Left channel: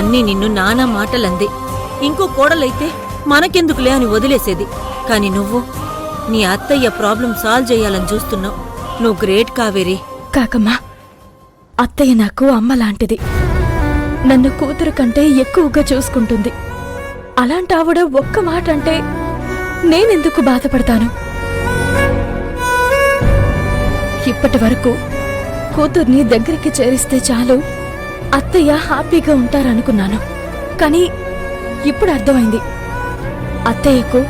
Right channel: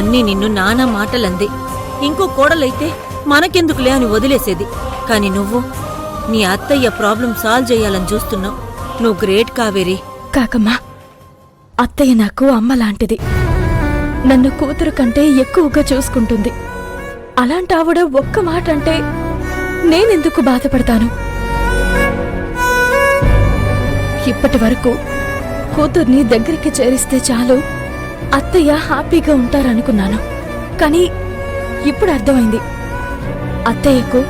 అన్నీ నిన్ను నానా మాటలంది. ఇంకో కోడలైతే మనకెందుకులే అని వదిలేసేది. కాని నువ్వు నీ అత్తయ్య ప్రాబ్లం సాల్వ్ చేయాలని చూస్తున్నావు. నువ్వు గ్రేట్ కావేరి. కాకమ్మా, అత్తయ్య నాకు అమ్మలాంటిది. నన్ను కూతురు కంటే ఎక్కువగా చూసుకుంటుంది. అలాంటి ఆవిడ ఒక్క మాట అంటే నేనెందుకు బాధపడతాను? ఇప్పటి వరకు కూతుర్ని దగ్గరికి చేరిస్తే చాలు అత్తయ్య హ్యాపీగా ఉంటారనుకున్నాను. కానీ ఇప్పుడు అర్థమైంది, అత్తయ్యకు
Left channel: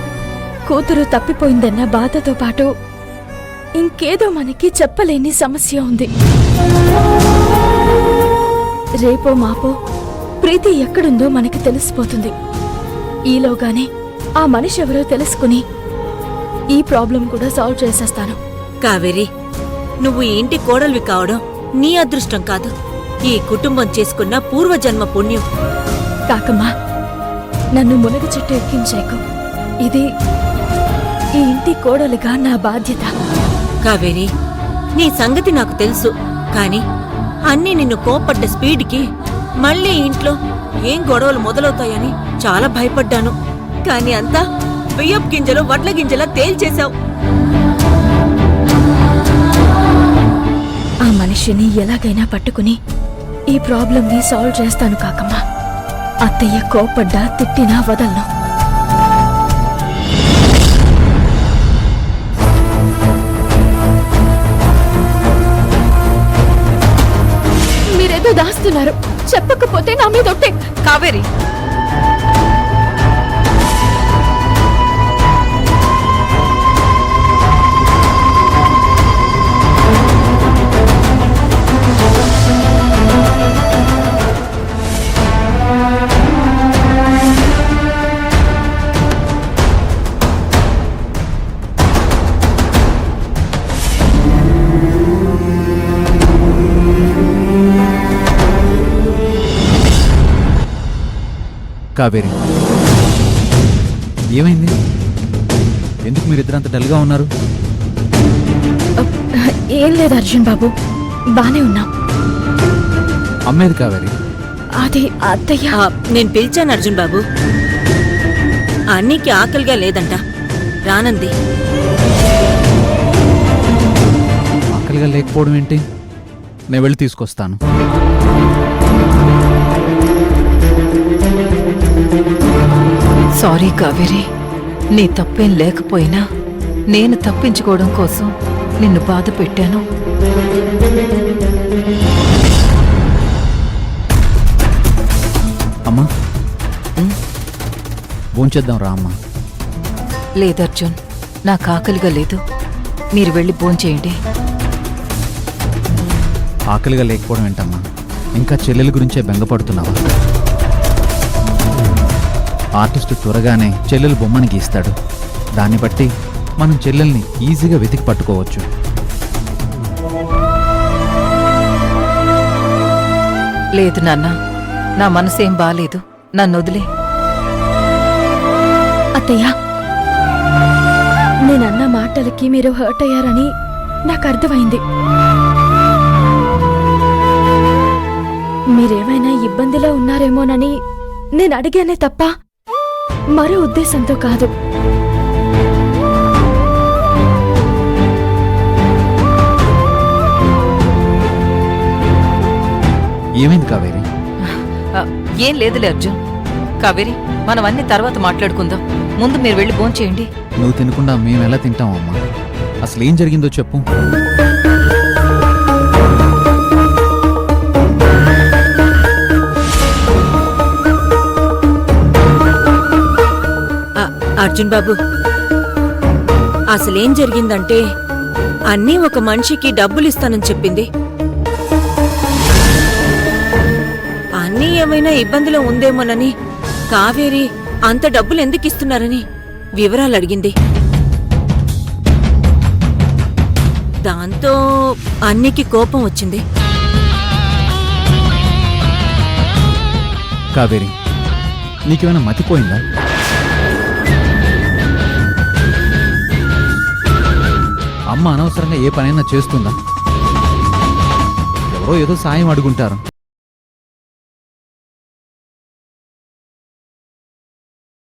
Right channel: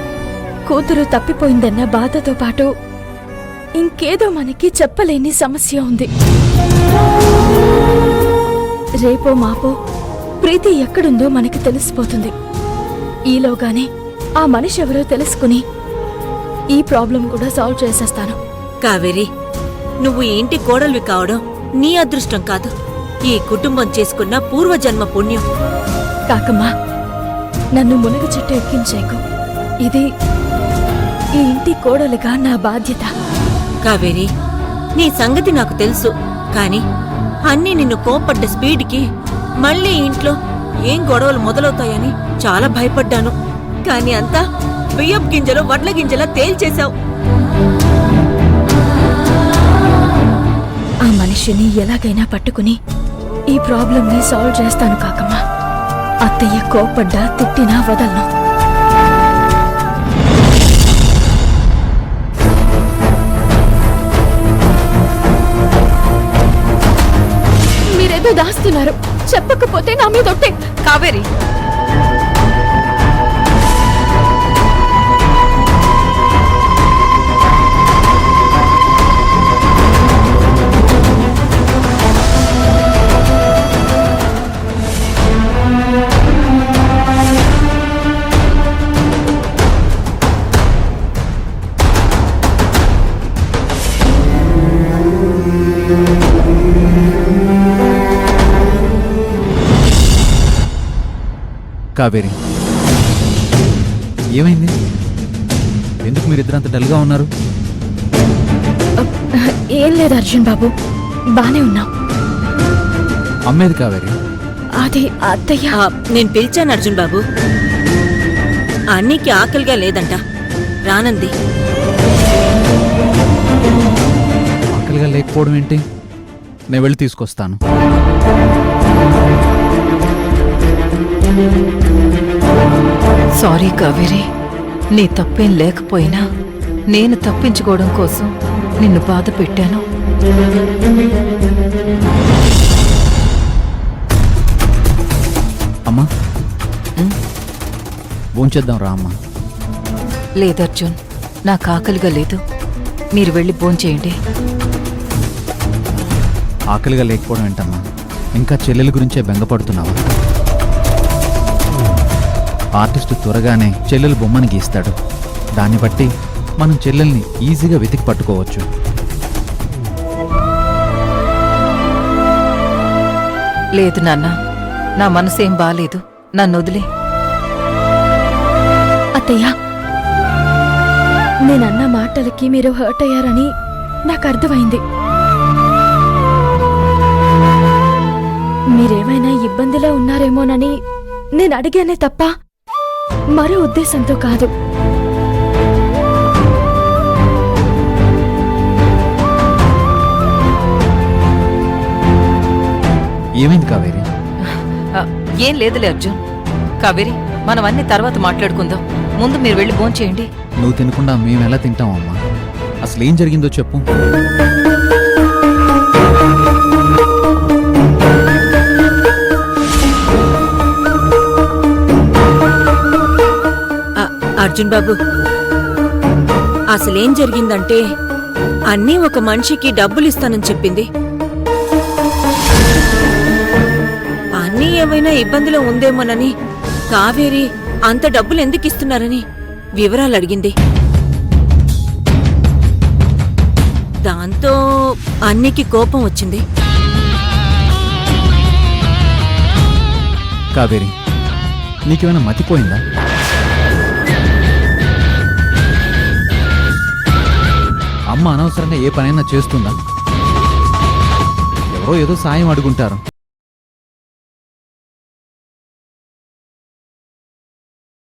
కూతురు తప్పిపోయిందన్న బాధతో పాటు ఇంకేదో మనకి చెప్పలేని సమస్య ఉంది. రేపో మాపో ప్రీతి ఎక్కడుందో మనకి తెలిసిపోతుంది. ఈలోగానే ఆ మనిషి ఎవరో తెలుసుకుని ఈ ప్రాబ్లం కూడా సాల్వ్ చేసేస్తాను. కావేరి, నువ్వు ఈ ఇంటి కోడలివి కావడం నీ అదృష్టం కాదు, ఈ కుటుంబం చేసుకున్న పూర్వజన్మ పుణ్యం. కాకమ్మా, నన్ను మునగ చెట్టు ఎక్కించేకు. ఇది ఈ ఇంటి కోడలుగా నా బాధ్యత. కావేరి, నీ సంగతి నాకు తెలుసు. కాని అన్నీ నిన్ను కోపడ్డ స్పీడ్కి మళ్ళీ ఇంట్లో ఏం గొడవలు మొదలవుతాయని చాలా భయపడ్డాను. కాని అంతా బియ్యపు గింజలు వడ్ల గింజలా తేల్చేశావు. ఆ మనిషిని ఎలాగైనా పట్టుకుని ఈ ప్రాబ్లంని సాల్వ్ చేస్తాను కాకమ్మా. అత్తయ్య కోపడ్డా తిట్టినా వదలను. మీరేదో దాస్తున్నారు, చెప్పకపోతే నా మీద ఒట్టే. కావేరి, కావేరి, ఏమైంది? ఎందుకు మీరిద్దరంత డల్గా ఉన్నారు? ఏం లేదు అర్జున్ బాబు, బానే ఉన్నాం. అమ్మేది కావేరి? అది అత్తయ్య. నేను పిలిచాను అర్జున్ బాబు. అన్నీకి ఆకలిగా లేదంట, రానంది. ఆకలిగా లేకపోవడం ఏంటి? నేను వెళ్ళి తీసుకొస్తాను. సారీ కావేరి, నీ తప్పేం లేకపోయినా నేను తప్పించుకోవడం కోసం నిన్ను బాధ పెట్టాను. అమ్మా, భోంచేద్దాం రా అమ్మా. లేదర్జున్, నాకు ఆకలిగా లేదు. మీరు వెళ్ళి భోంచేయండి. ఆకలిగా లేకపోవడం ఏంటమ్మా? ఇంకా చెల్లెల గురించే బెంగపడుతున్నావా? ఆర్టిస్టు త్వరగానే చెల్లెలు బొమ్మని గీస్తాడు. దాన్ని బట్టి మనం చెల్లెల్ని ఈజీగా వెతికి పట్టుకోవచ్చు. లేదు నాన్న, నా మనసేం బాలేదు. నన్ను వదిలే. అత్తయ్య, నేనన్న మాటలకి మీరు హర్ట్ అయ్యారని నాకు అర్థమైంది. మీరేమైనా ఇబ్బందిలో ఉన్నారేమోనని నేను అడిగానే తప్ప మరో ఉద్దేశంతో కాదు. ఏమైంది కావేరి? ఏం లేదులే అర్జున్. కావేరి, మనం అన్ని తర్వాత మాట్లాడుకుందాం. ముందు మీరు వెళ్ళి భోంచేయండి. నువ్వు తినకుండా మేమెలా తింటామమ్మా? అసలు ఏం జరిగిందో చెప్పు. అర్జున్ బాబు, అసలేం జరిగిందంటే అన్నీ ఒక మనిషికి డబ్బులిస్తానని చెప్పింది. అన్నీ ఏమైనా ఇబ్బందిలో ఉందేమోనని కావేరి అంత డబ్బులు ఎందుకిస్తున్నారని వివరాలు అడిగింది. దాంతో అన్నికి కోపం వచ్చింది. కావేరి, నీకేమైనా మతిపోయిందా? అమ్మ అనవసరంగా ఏ పనైనా చేస్తుందా? ఎవరో ఏదో సాయం అడుగుంటారు,